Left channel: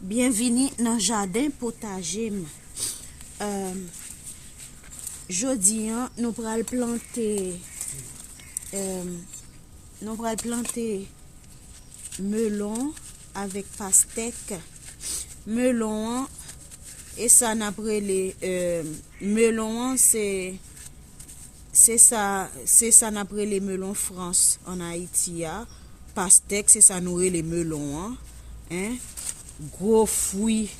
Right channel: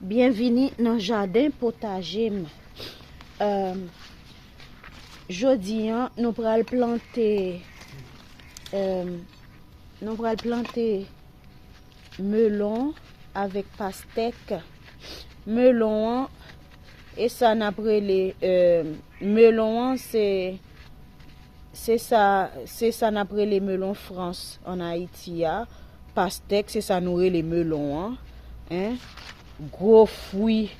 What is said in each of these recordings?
Bienvenue dans le jardin potager. Jodi, nous allons planter melon avec pastèque. Melon et ça n'a pas les melon c'est ça n'a pas les melons France en Haïti. Pastèque c'est ça nourrit les melons hein. Gros fruits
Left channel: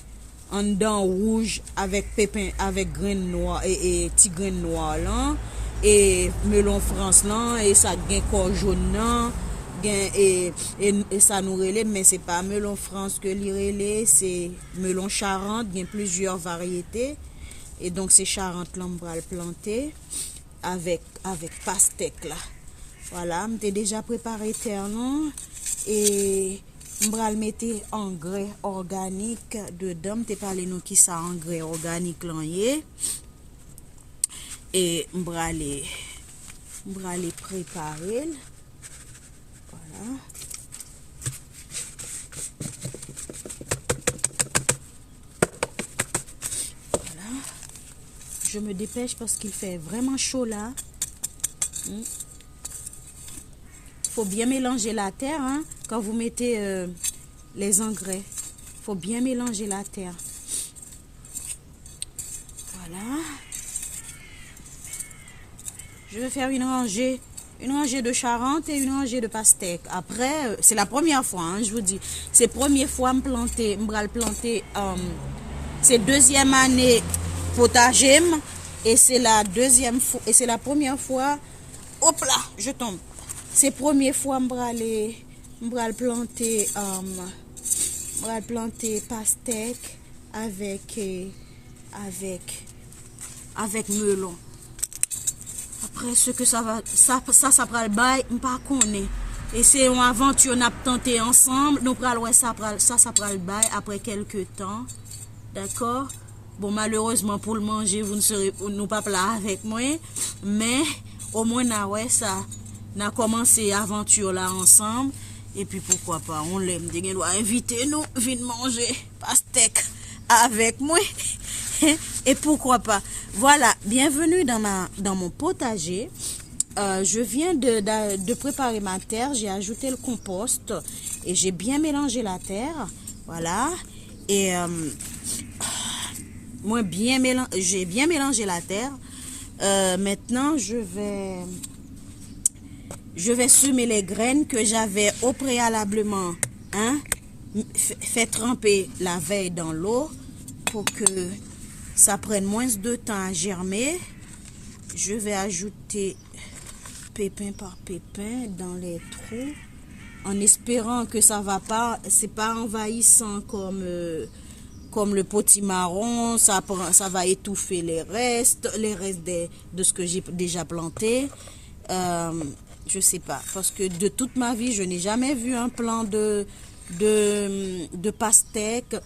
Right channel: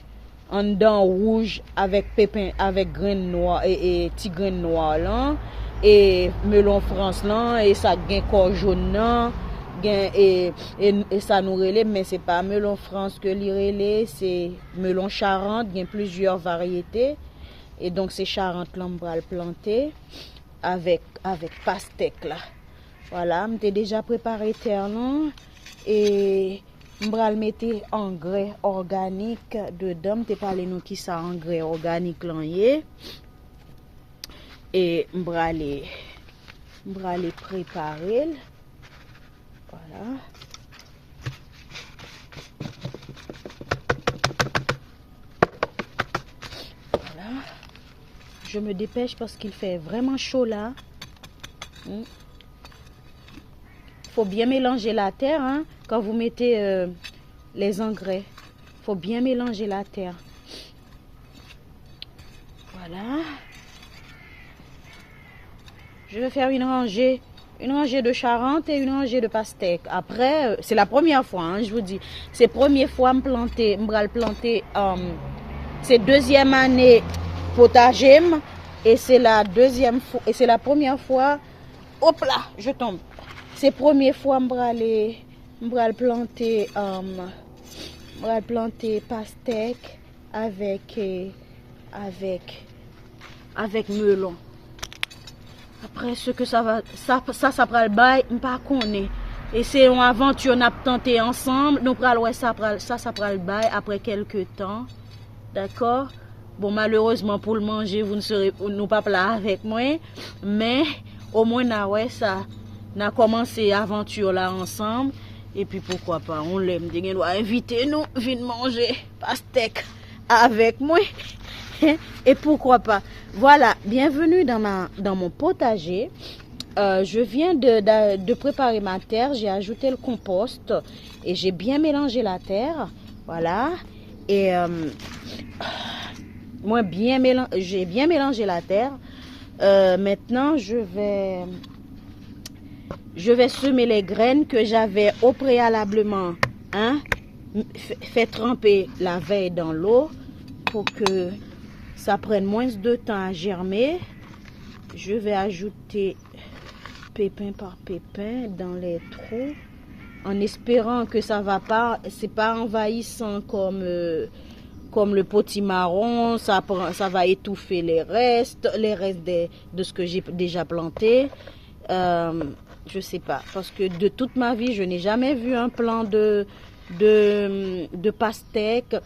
en dedans rouge avec pépins avec graines noires et petits graines noires là et melon France là et ça gain corps jaune là et ça nous relève mais c'est pas melon France que li relève, c'est melon Charente, il y a plusieurs variétés et donc c'est Charente là on va le planter avec pastèque là. Voilà, j'ai déjà préparé terre là et je vais mettre engrais organique dedans. Je vais parler nous qui ça engrais organique là et je vais aller préparer. Voilà. Voilà. Je me dépêche parce qu'il fait vraiment chaud là. Faut bien mélanger la terre hein, quand vous mettez les engrais. Faut bien mélanger la terre. Voilà. Je vais faire une rangée de Charente et une rangée de pastèque. Après, c'est la première fois, hein, je vous dis. C'est la première fois que je planter. C'est deuxième année potager et c'est la deuxième fois et c'est la première fois. Hop là, je tombe. C'est la première fois que je vais planter pastèque avec melon. Après ce que ça prend le bail, je ne pas connais. Et c'est une aventure qu'on a tenté ensemble. Nous prenons ça prend le bail après quelques temps. D'accord? Bon, malheureusement pour le manger, vous ne serez pas là avec moi. Mais au moins, ça. On a commencé l'aventure là ensemble. Et puis pourquoi pas, on l'aime. On doit inviter nous, venir manger pastèque avec moi. Et pourquoi pas. Voilà, bienvenue dans mon potager. Je viens de préparer ma terre. J'ai ajouté le compost et j'ai bien mélangé la terre. Voilà. Et j'ai bien mélangé la terre. Maintenant, je vais semer les graines que j'avais au préalablement fait tremper la veille dans l'eau pour que ça prenne moins de temps à germer. Je vais ajouter pépin par pépin dans les trous en espérant que ça va pas, c'est pas envahissant comme le potimarron, ça va étouffer les restes de ce que j'ai déjà planté. Je sais pas, parce que de toute ma vie, je n'ai jamais vu un plant de pastèque.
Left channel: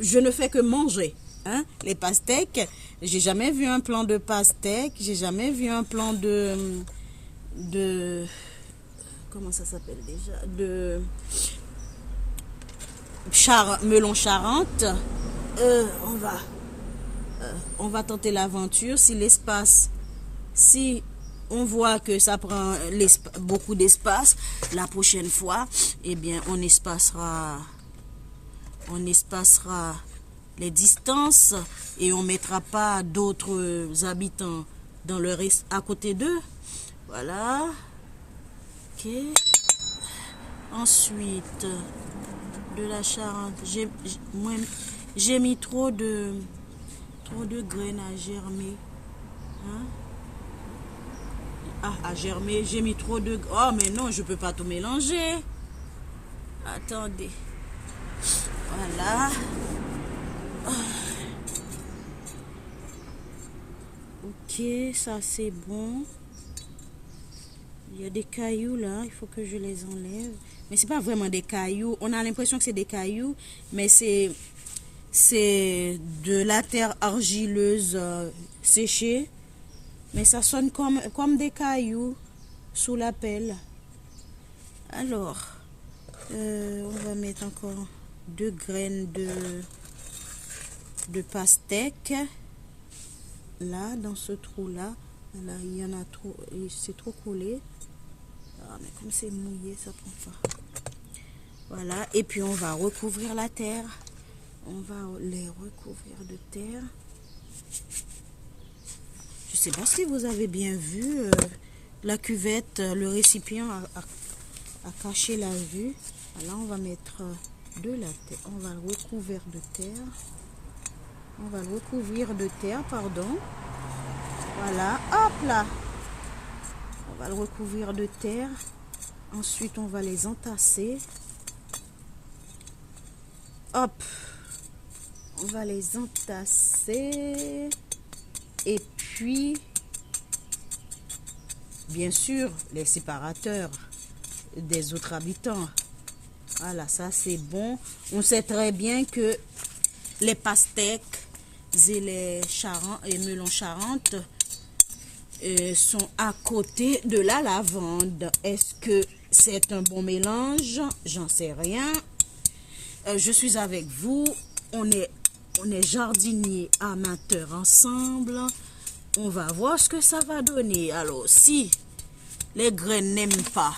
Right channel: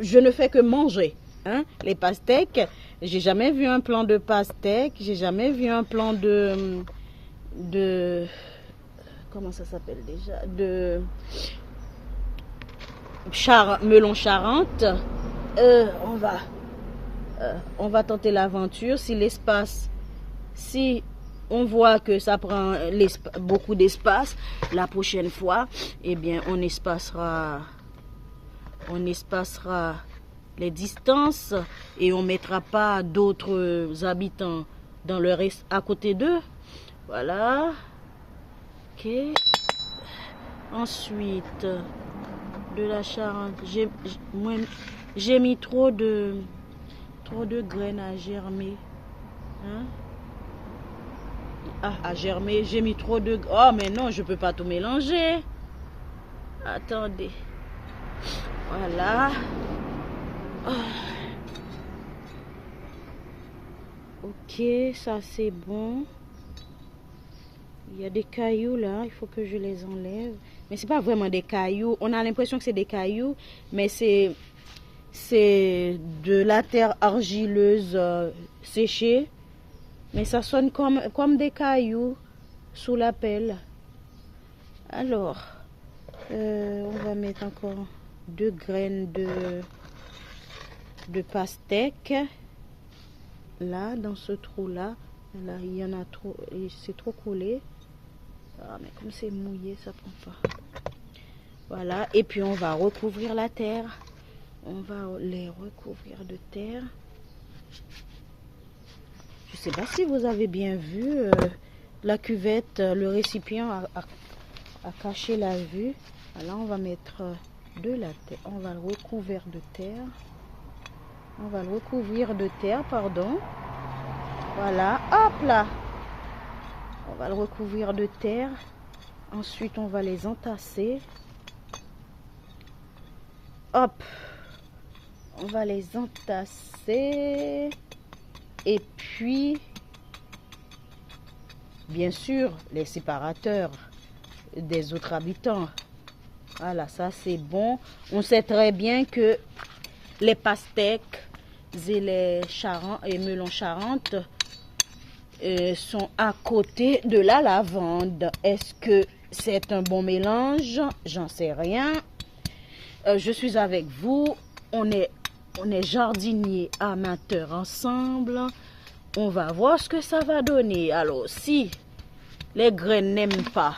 Je ne fais que manger, hein, les pastèques. J'ai jamais vu un plant de pastèque. J'ai jamais vu un plant de comment ça s'appelle déjà, de melon Charente. On va tenter l'aventure. Si on voit que ça prend beaucoup d'espace, la prochaine fois, eh bien, on espacera les distances et on mettra pas d'autres habitants dans le reste à côté d'eux. Voilà. Ok. Ensuite, de la Charente, j'ai mis trop de graines à germer. Hein? À germer, j'ai mis trop de... Oh, mais non, je peux pas tout mélanger. Attendez. Voilà. Oh. Ok, ça c'est bon. Il y a des cailloux là, il faut que je les enlève. Mais c'est pas vraiment des cailloux. On a l'impression que c'est des cailloux, mais c'est de la terre argileuse séchée. Mais ça sonne comme des cailloux sous la pelle. Alors, on va mettre encore 2 graines de pastèque. Là, dans ce trou-là, là, il y en a trop, c'est trop collé. Ah, mais comme c'est mouillé, ça prend pas. Voilà, et puis on va recouvrir la terre. On va les recouvrir de terre. Je ne sais pas si vous avez bien vu, la cuvette, le récipient a caché la vue. Alors on va mettre de la terre, on va le recouvrir de terre. On va le recouvrir de terre, pardon. Voilà, hop là. On va le recouvrir de terre. Ensuite, on va les entasser. Hop. On va les entasser. Et puis, bien sûr, les séparateurs des autres habitants. Voilà, ça c'est bon. On sait très bien que les pastèques et les melons Charentes sont à côté de la lavande. Est-ce que c'est un bon mélange? J'en sais rien. Je suis avec vous. On est jardiniers amateurs ensemble. On va voir ce que ça va donner. Alors, si les graines n'aiment pas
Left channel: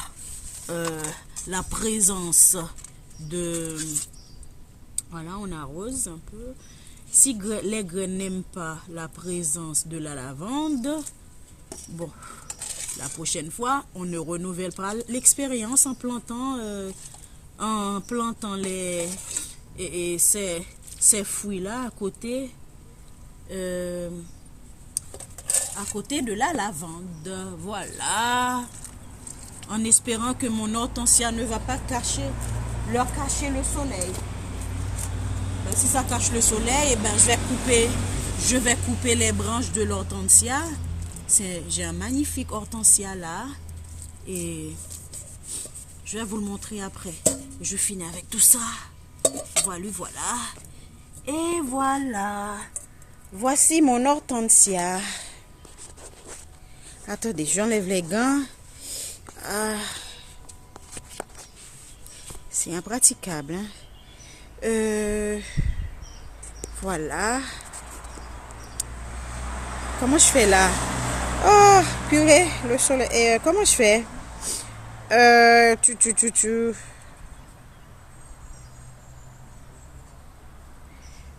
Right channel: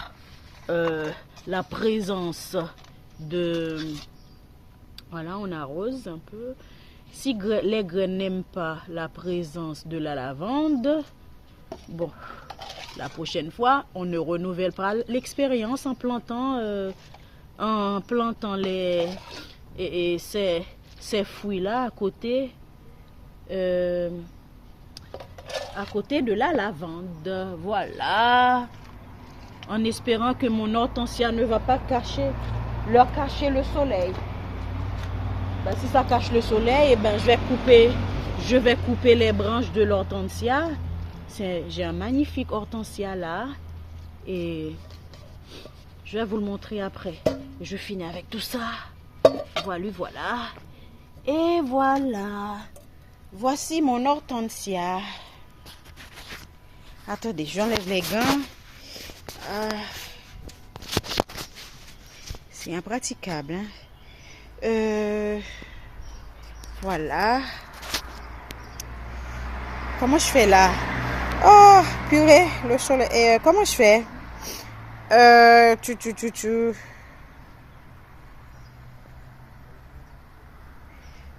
la présence de... Voilà, on arrose un peu. Si les graines n'aiment pas la présence de la lavande, bon, la prochaine fois, on ne renouvelle pas l'expérience en plantant ces fruits-là à côté de la lavande. Voilà. En espérant que mon hortensia ne va pas leur cacher le soleil. Ben, si ça cache le soleil, eh ben, je vais couper les branches de l'hortensia. J'ai un magnifique hortensia là. Et je vais vous le montrer après. Je finis avec tout ça. Voilà, voilà. Et voilà. Voici mon hortensia. Attendez, j'enlève les gants. C'est impraticable, hein? Voilà. Comment je fais là? Oh, purée, le soleil. Comment je fais?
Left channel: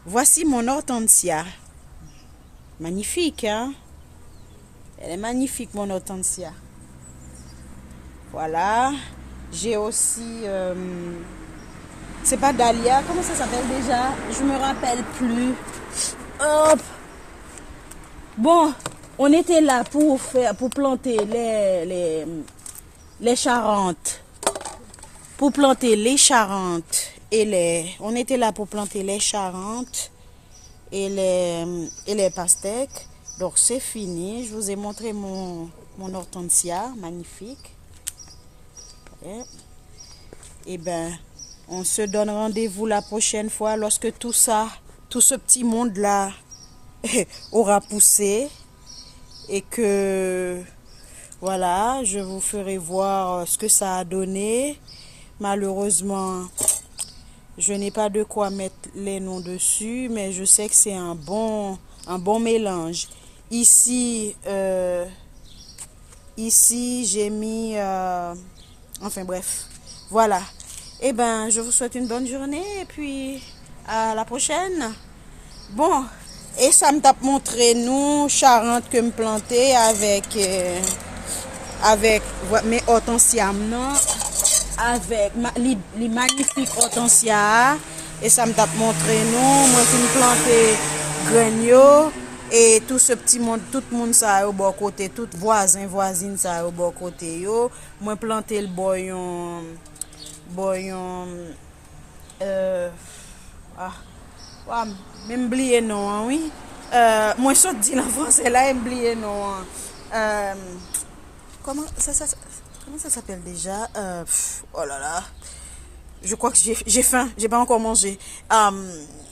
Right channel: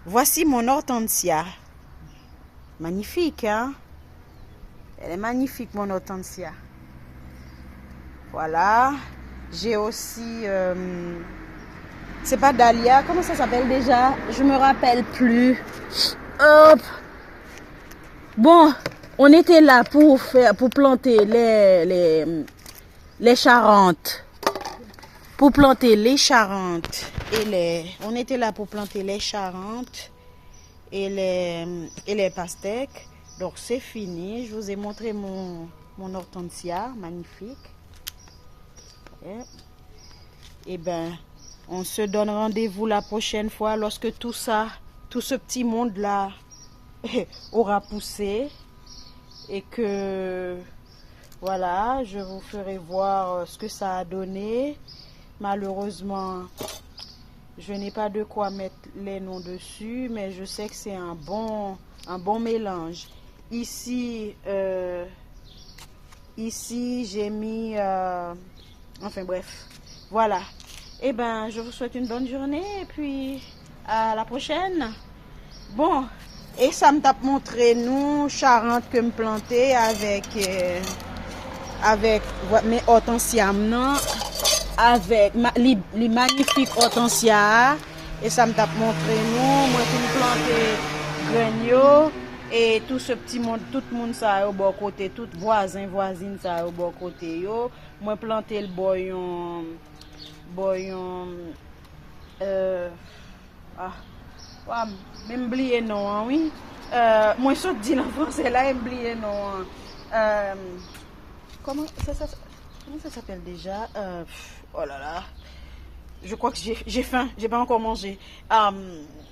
Voici mon hortensia. Magnifique, hein? Elle est magnifique, mon hortensia. Voilà. J'ai aussi... c'est pas dahlia. Comment ça s'appelle déjà? Je me rappelle plus. Hop. Bon, on était là pour planter les Charentes. Pour planter les Charentes on était là pour planter les Charentes et les pastèques. Donc c'est fini. Je vous ai montré mon hortensia magnifique. Et ben, on se donne rendez-vous la prochaine fois lorsque tout ce petit monde là aura poussé et que voilà, je vous ferai voir ce que ça a donné. Malheureusement, je n'ai pas de quoi mettre les noms dessus, mais je sais que c'est un bon mélange. Ici j'ai mis enfin bref, voilà. Et ben, je vous souhaite une bonne journée et puis à la prochaine. Bon, et ça me tape montré nous Charentes que me planter avec mes hortensias non, avec les magnifiques hortensias. Et ça me tape montré nous me planter grenio et tout ce petit monde, tout le monde ça au bon côté, tout voisine ça au bon côté yo. Moi planter le boyon même oublié non, oui. Moi je dis en français là, oublié non. Comment ça s'appelle déjà? Oh là là. Je crois que j'ai faim, j'ai pas encore mangé.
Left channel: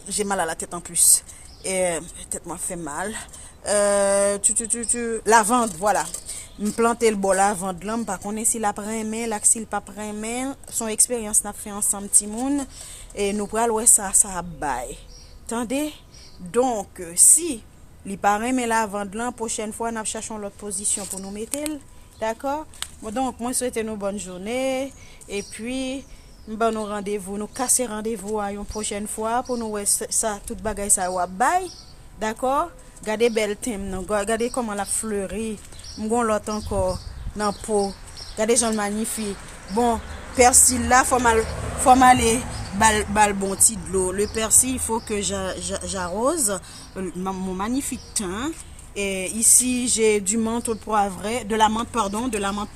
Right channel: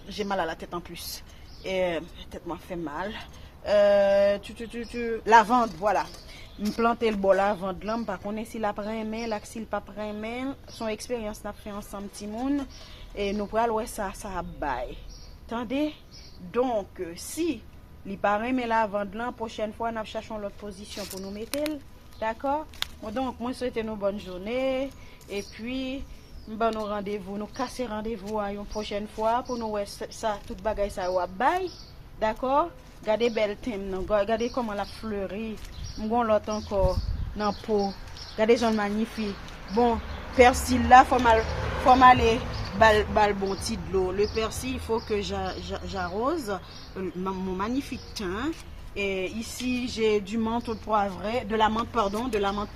J'ai mal à la tête en plus. Et tête m'a fait mal. Lavande, voilà. Me planter le bol lavande là, par contre si la prenne, là s'il pas prenne, son expérience n'a fait ensemble petit monde. et nous pral ouais ça bail. Attendez. Donc si li parrain mais la vendre la prochaine fois nous cherchons l'autre position pour nous mettre. D'accord? Donc moi souhaite nous bonne journée et puis bon nous rendez-vous, nous casser rendez-vous à une prochaine fois pour nous ouais ça toute bagaille ça wa bail. D'accord? Regardez belle thème, regardez comment la fleurie. M'gon l'autre encore dans peau. Regardez genre magnifique. Bon, persil là faut aller bal bon petit de l'eau. Le persil, il faut que j'arrose mon magnifique thym. Et ici, j'ai du menthe poivré, de la menthe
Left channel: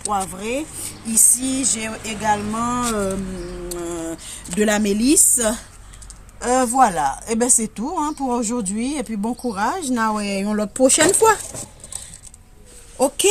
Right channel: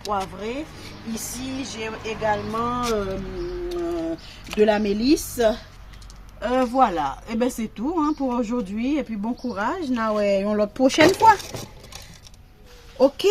poivrée. Ici, j'ai également de la mélisse. Voilà, et ben c'est tout hein, pour aujourd'hui. Et puis bon courage, la prochaine fois. Ok.